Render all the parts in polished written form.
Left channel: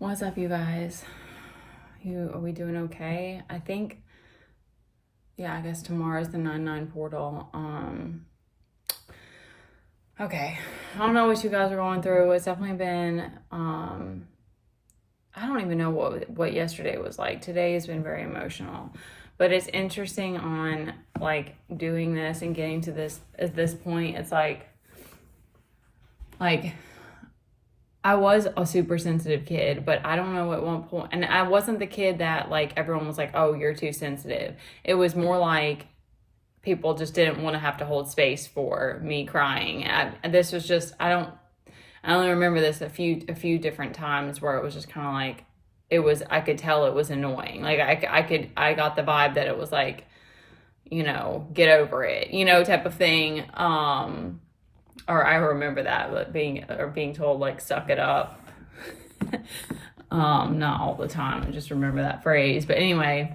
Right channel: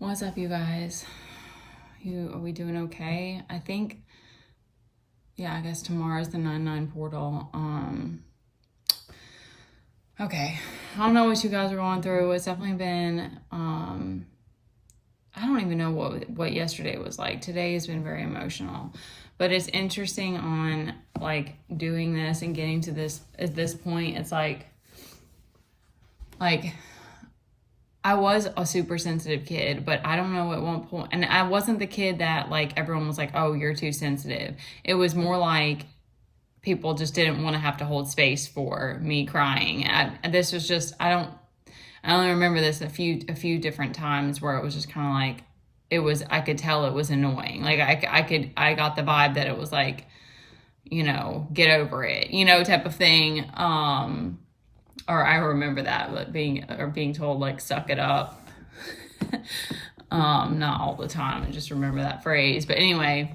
What's up, you guys? Are we doing okay? I think, yeah, I guess tomorrow's the 9/9 portal. Okay. I don't know what you guys are going through. It's definitely been, I don't even know what yesterday was like. Today has been very emotional. But it's interesting on, like, doing this and getting to this, at this point, it's like, I was a super sensitive kid, but I don't know at what point, and I wasn't the kid that like everyone was like, "Oh, you're too sensitive." It was more like people just didn't want to have to hold space for me crying. And this was just I only remember this a few different times where it was just kind of like I could tell it was annoying. Like I got the vibe that it was like, get over it, type of thing. Or I remember that, but being told like suck it up. Not all the time. I just remember that phrase. But anyway,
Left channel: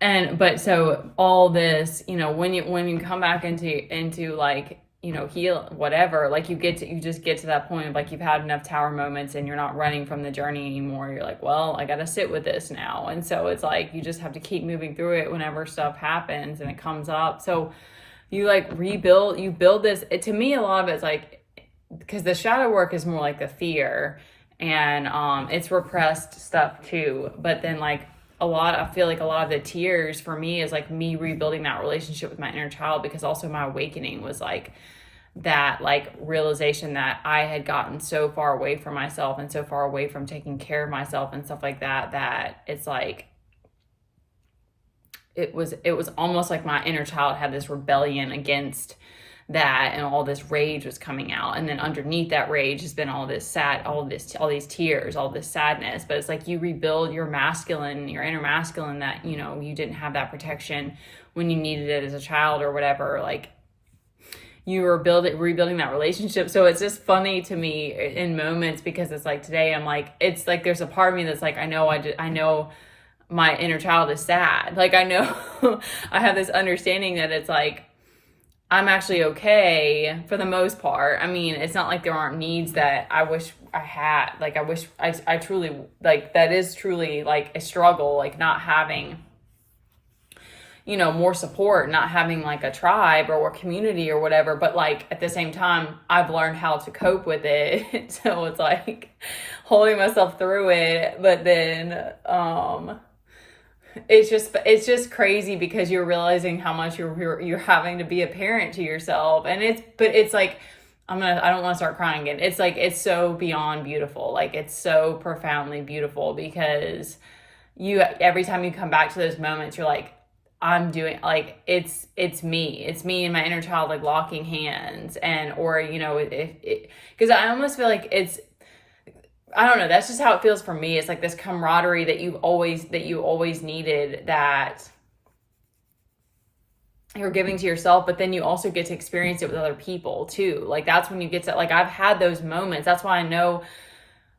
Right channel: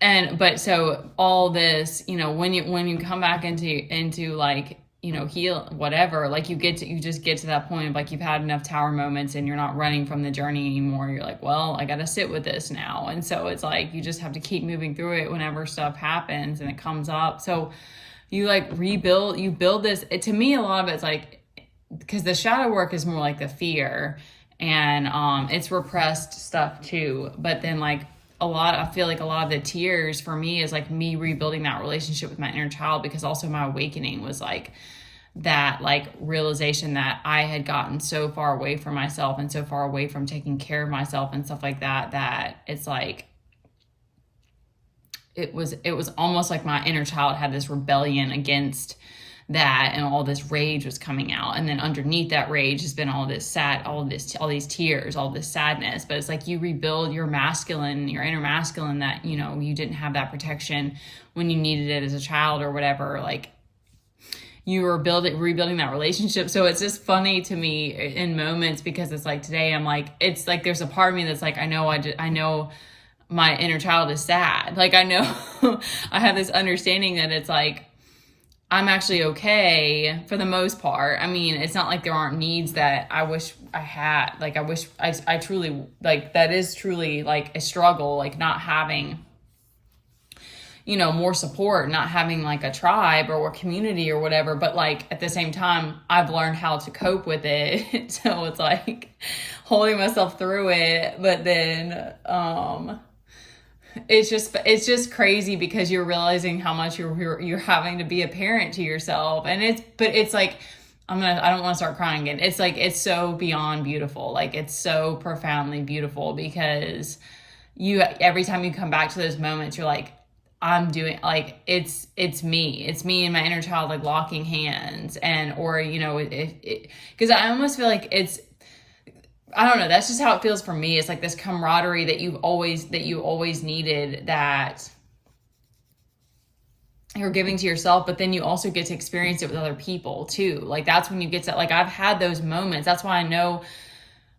but so all this, when you come back into like, heal whatever, like you just get to that point of like you've had enough tower moments and you're not running from the journey anymore. You're like, well, I got to sit with this now. And so it's like you just have to keep moving through it whenever stuff happens and it comes up. So you like you build this. To me, a lot of it's like, because the shadow work is more like the fear and it's repressed stuff too. But then like I feel like a lot of the tears for me is like me rebuilding that relationship with my inner child, because also my awakening was like that, like realization that I had gotten so far away from myself and so far away from taking care of myself and stuff like that, that it's like it was almost like my inner child had this rebellion against that, and all this rage was coming out, and then underneath that rage has been all these tears, all this sadness. But it's like you rebuild your inner masculine, that you didn't have that protection when you needed it as a child or whatever. Like you were rebuilding that relationship. So it's just funny to me in moments, because it's like today I'm like, it's like there's a part of me that's like, I know my inner child is sad. Like I know I have this understanding that it's like I'm actually okay for the most part. I mean, it's not like there aren't needs that I wish I had. Like I truly, like that is truly like a struggle, like not having, more support, not having like a tribe or a community or whatever. But like at the same time, I've learned how to cope with it. So it's like holding myself through it. But then, it's just crazy, because you're realizing how much you're having to be a parent to yourself. And it's like I don't want to start crying again. It's like it's so beyond beautiful. Like it's so profoundly beautiful, because every time you come back to those moments, you're like, I'm doing, like it's me and my inner child, like locking hands. And or because I almost feel like I don't know, that's just how it feels for me. It's like this camaraderie that you always needed, that you're giving to yourself, but then you also get to experience it with other people too. Like that's when you get to, like, I've had those moments. That's why I know,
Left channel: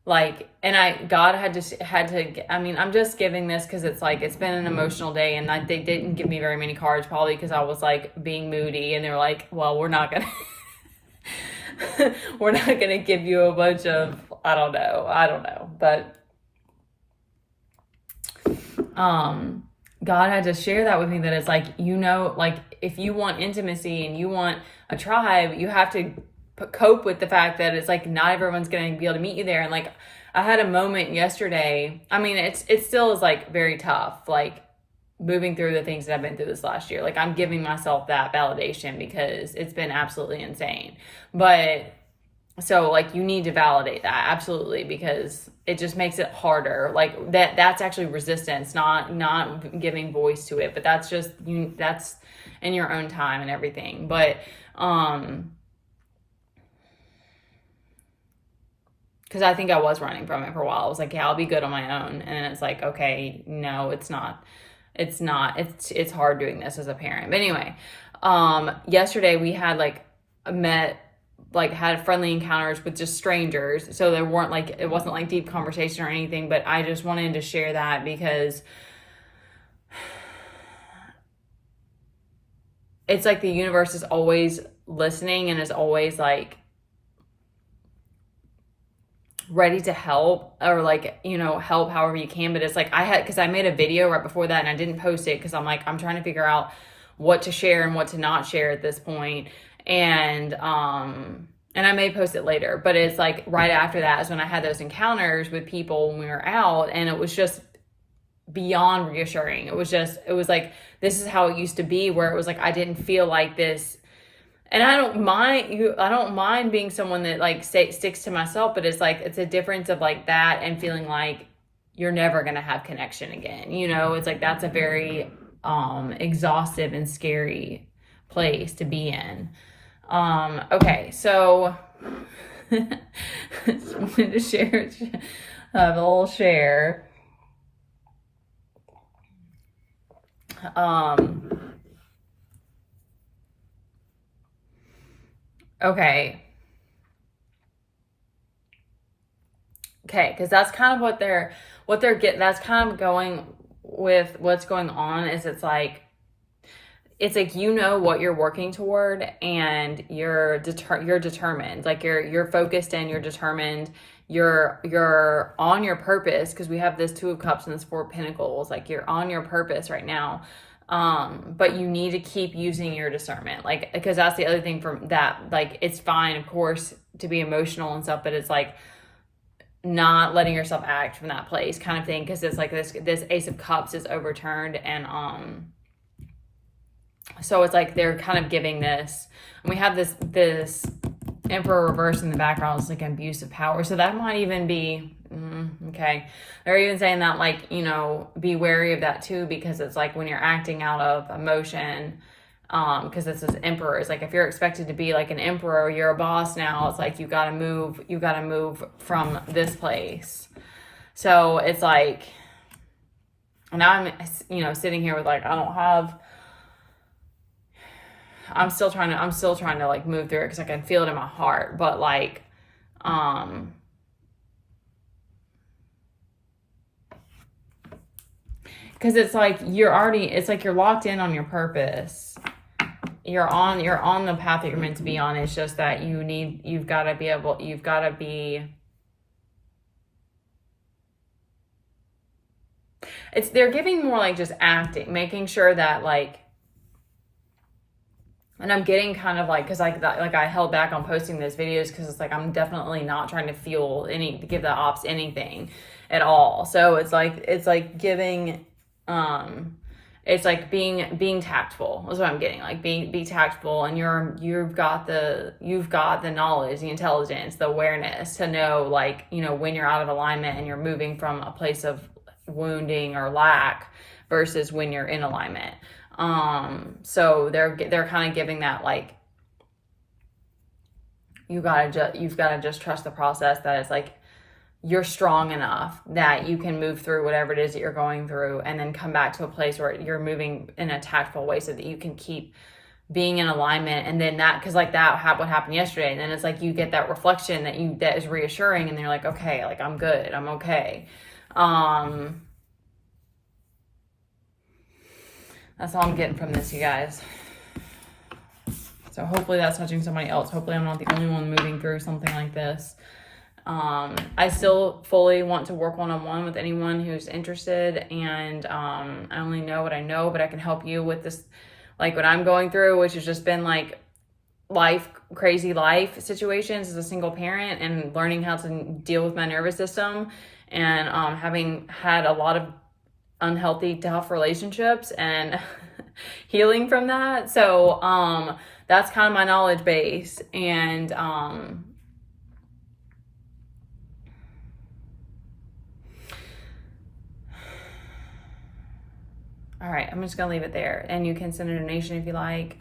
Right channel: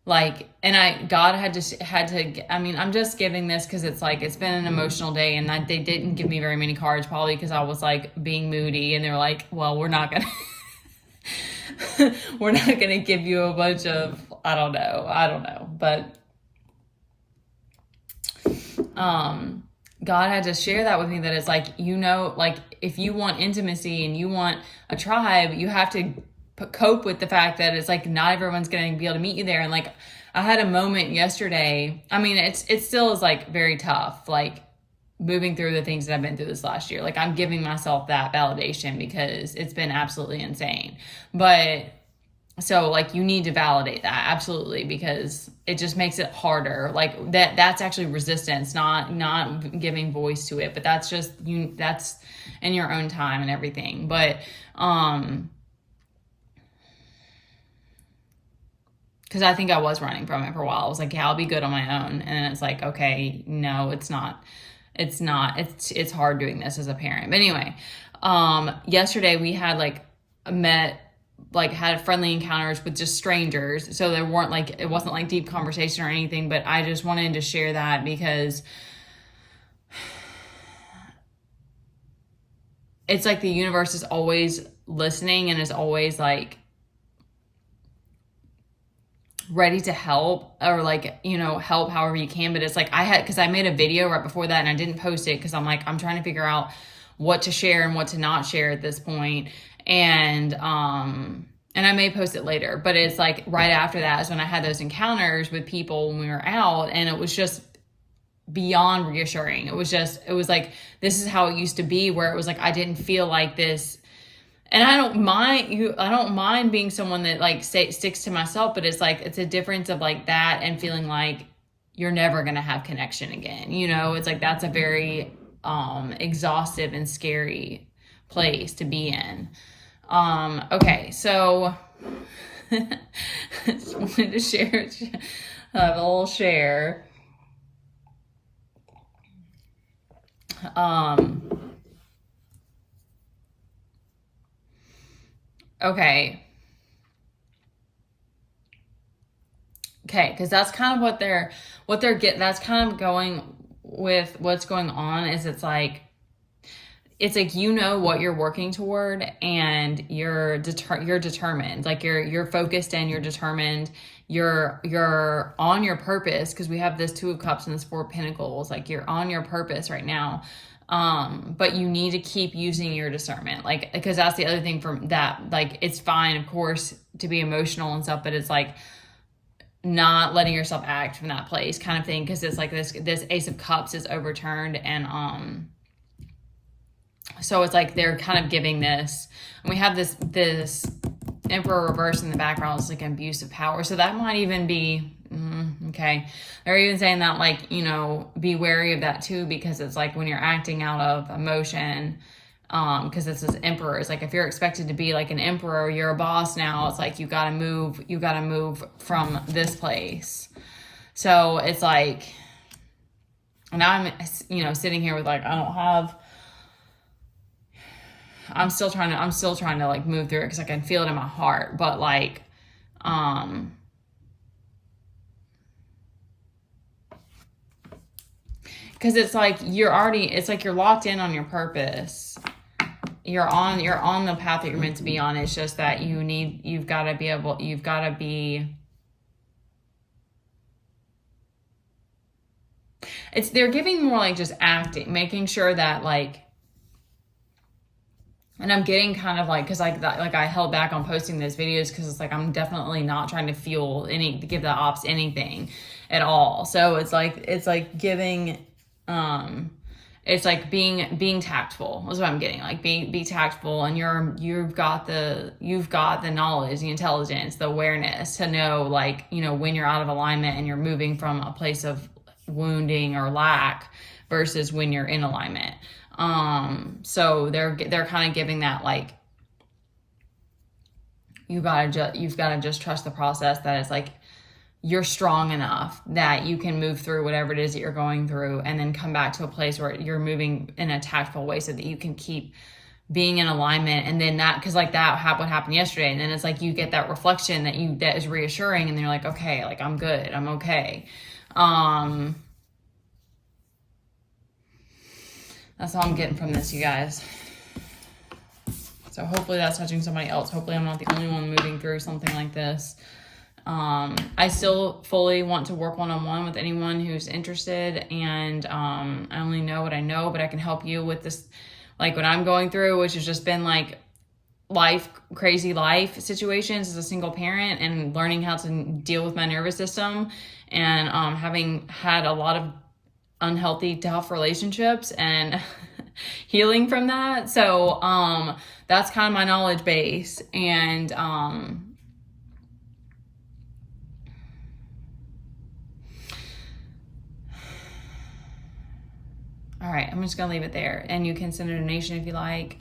like, and God had to, I mean, I'm just giving this because it's like, it's been an emotional day, and they didn't give me very many cards, probably because I was like being moody, and they're like, well, we're not gonna we're not gonna give you a bunch of, I don't know. But God had to share that with me, that it's like, like if you want intimacy and you want a tribe, you have to cope with the fact that it's like not everyone's going to be able to meet you there. And like I had a moment yesterday. I mean, it still is like very tough, like moving through the things that I've been through this last year. Like I'm giving myself that validation, because it's been absolutely insane. But so like you need to validate that, absolutely, because it just makes it harder. Like that's actually resistance, not giving voice to it. But that's just that's in your own time and everything. But because I think I was running from it for a while. I was like, yeah, I'll be good on my own. And it's like, okay, no, it's not. It's hard doing this as a parent. But anyway, yesterday we had had friendly encounters with just strangers. So it wasn't like deep conversation or anything, but I just wanted to share that, because it's like the universe is always listening and is always like ready to help, or like, you know, help however you can. But it's like because I made a video right before that and I didn't post it because I'm like, I'm trying to figure out what to share and what to not share at this point. And I may post it later, but it's like right after that is when I had those encounters with people when we were out, and it was just beyond reassuring. It was like, this is how it used to be, where it was like, I didn't feel like this. And I don't mind being someone that like sticks to myself, but it's like, it's a difference of like that and feeling like you're never going to have connection again. You know, it's like, that's a very exhaustive and scary place to be in. Okay, so just wanted to share, have a little share. Okay, because that's kind of what they're getting. That's kind of going with what's going on. Is it's like, you know what you're working toward, and you're determined. Like you're focused and you're determined. You're on your purpose, because we have this Two of Cups and this Four of Pentacles. Like you're on your purpose right now. But you need to keep using your discernment, like, because that's the other thing from that. Like, it's fine, of course, to be emotional and stuff, but it's like not letting yourself act from that place kind of thing. Because it's like this Ace of Cups is overturned, and so it's like they're kind of giving this, and we have this Emperor reverse in the background. It's like an abuse of power, so that might even be okay. They're even saying that, like, you know, be wary of that too, because it's like when you're acting out of emotion, because this is Emperor, it's like if you're expected to be like an emperor, you're a boss now, it's like you gotta move from this place. So it's like, now I'm, you know, sitting here with like, I'm still trying to like move through it, because I can feel it in my heart, but like because it's like you're locked in on your purpose. You're on the path that you're meant to be on. It's just that you've got to be they're giving more like just acting, making sure that like, and I'm getting kind of like, because like that, like I held back on posting those videos because it's like I'm definitely not trying to give the ops anything at all. So it's like giving, it's like being tactful is what I'm getting. Like be tactful, and you've got the knowledge, the intelligence, the awareness to know, like, you know, when you're out of alignment and you're moving from a place of wounding or lack versus when you're in alignment. So they're kind of giving that, like, you've got to just trust the process, that it's like you're strong enough that you can move through whatever it is that you're going through, and then come back to a place where you're moving in a tactful way so that you can keep being in alignment. And then that, because like what happened yesterday, and then it's like you get that reflection that is reassuring, and then you're like, okay, like I'm good, I'm okay. That's all I'm getting from this, you guys. So hopefully that's touching somebody else. Hopefully I'm not the only one moving through something like this. I still fully want to work one-on-one with anyone who's interested, and I only know what I know, but I can help you with this, like what I'm going through, which has just been like crazy life situations as a single parent, and learning how to deal with my nervous system, and having had a lot of unhealthy, tough relationships, and healing from that. So that's kind of my knowledge base. And all right, I'm just gonna leave it there, and you can send a donation if you like.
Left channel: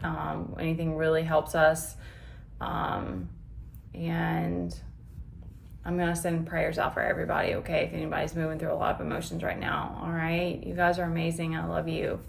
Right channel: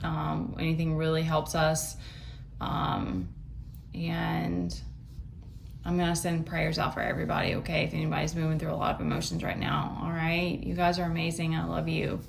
Anything really helps us. And I'm gonna send prayers out for everybody, okay? If anybody's moving through a lot of emotions right now, all right? You guys are amazing. I love you.